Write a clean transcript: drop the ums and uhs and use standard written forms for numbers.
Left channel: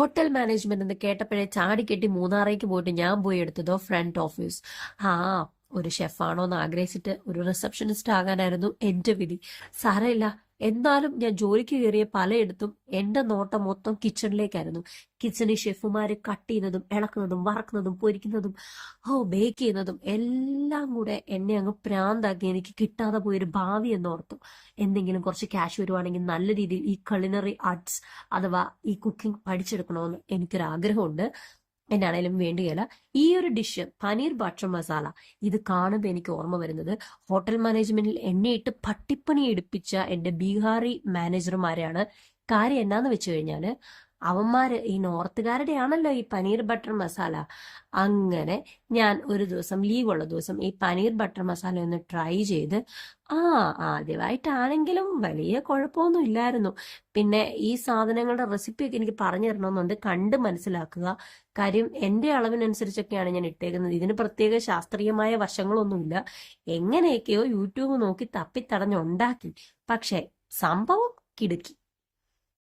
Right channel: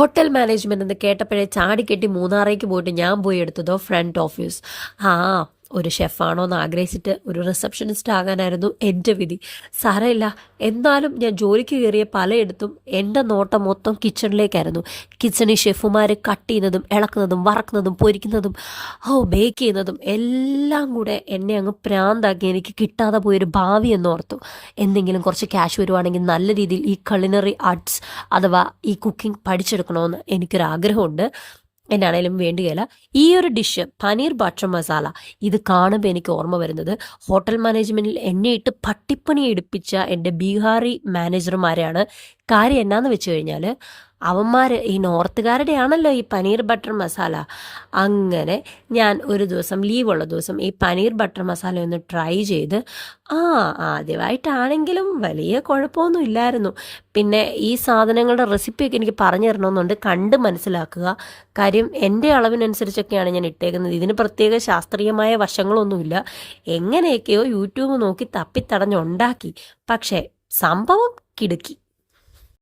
Hotel management എന്ന് കേട്ടപ്പോഴേ ചാടിക്കെട്ടി മൂന്നാറേക്ക് പോയിട്ട് ഞാൻ പോയി എടുത്തതോ ഫ്രണ്ട് ഓഫീസ്. ആ ഒരു ഷെഫാണോ എന്ന് ആഗ്രഹിച്ചിട്ട് ഒരു റിസപ്ഷനിസ്റ്റ് ആകാനായിരുന്നു എൻ്റെ വിധി. സാരമില്ല, എന്നാലും ഞാൻ ജോലിക്ക് കയറിയ പലയിടത്തും എൻ്റെ നോട്ടം മൊത്തം കിച്ചണിലേക്കായിരുന്നു. കിച്ചണിൽ ഷെഫുമാർ കട്ട് ചെയ്യുന്നതും ഇളക്കുന്നതും വറക്കുന്നതും പൊരിക്കുന്നതും ബേക്ക് ചെയ്യുന്നതും എല്ലാം കൂടെ എന്നെ അങ്ങ് പ്രാന്താക്കി. എനിക്ക് കിട്ടാതെ പോയൊരു ഭാവി എന്നോർത്തു. എന്തെങ്കിലും കുറച്ച് ക്യാഷ് വരുവാണെങ്കിൽ നല്ല രീതിയിൽ ഈ culinary ആർട്സ് അഥവാ ഈ കുക്കിംഗ് പഠിച്ചെടുക്കണമെന്ന് എനിക്കൊരാഗ്രഹമുണ്ട്. എന്നാണേലും വേണ്ടുകയില്ല. ഈ ഒരു ഡിഷ് പനീർ ബട്ടർ മസാല, ഇത് കാണുമ്പോൾ എനിക്ക് ഓർമ്മ വരുന്നത് ഹോട്ടൽ മാനേജ്മെൻറ്റിൽ എന്നെ ഇട്ട് പട്ടിപ്പണി എടുപ്പിച്ച എൻ്റെ ബീഹാറി മാനേജർമാരെയാണ്. കാര്യം എന്നാന്ന് വെച്ച് കഴിഞ്ഞാൽ അവന്മാർ ഈ നോർത്തുകാരുടെ ആണല്ലോ ഈ പനീർ ബട്ടർ മസാല. അങ്ങനെ ഞാൻ ഒരു ദിവസം ലീവുള്ള ദിവസം ഈ പനീർ ബട്ടർ മസാല ഒന്ന് ട്രൈ ചെയ്ത് ആദ്യമായിട്ടാണെങ്കിലും വലിയ കുഴപ്പമൊന്നും ഇല്ലായിരുന്നു. പിന്നെ ഈ സാധനങ്ങളുടെ റെസിപ്പിയൊക്കെ എനിക്ക് പറഞ്ഞു തരണമെന്നുണ്ട്, കണ്ട് മനസ്സിലാക്കുക. കാര്യം എൻ്റെ അളവിനനുസരിച്ചൊക്കെയാണ് ഞാൻ ഇട്ടേക്കുന്നത്. ഇതിന് പ്രത്യേക ശാസ്ത്രീയമായ വശങ്ങളൊന്നുമില്ല. എങ്ങനെയൊക്കെയോ യൂട്യൂബ് നോക്കി തപ്പിത്തടഞ്ഞുണ്ടാക്കി. പക്ഷേ സംഭവം കിടുക്കി.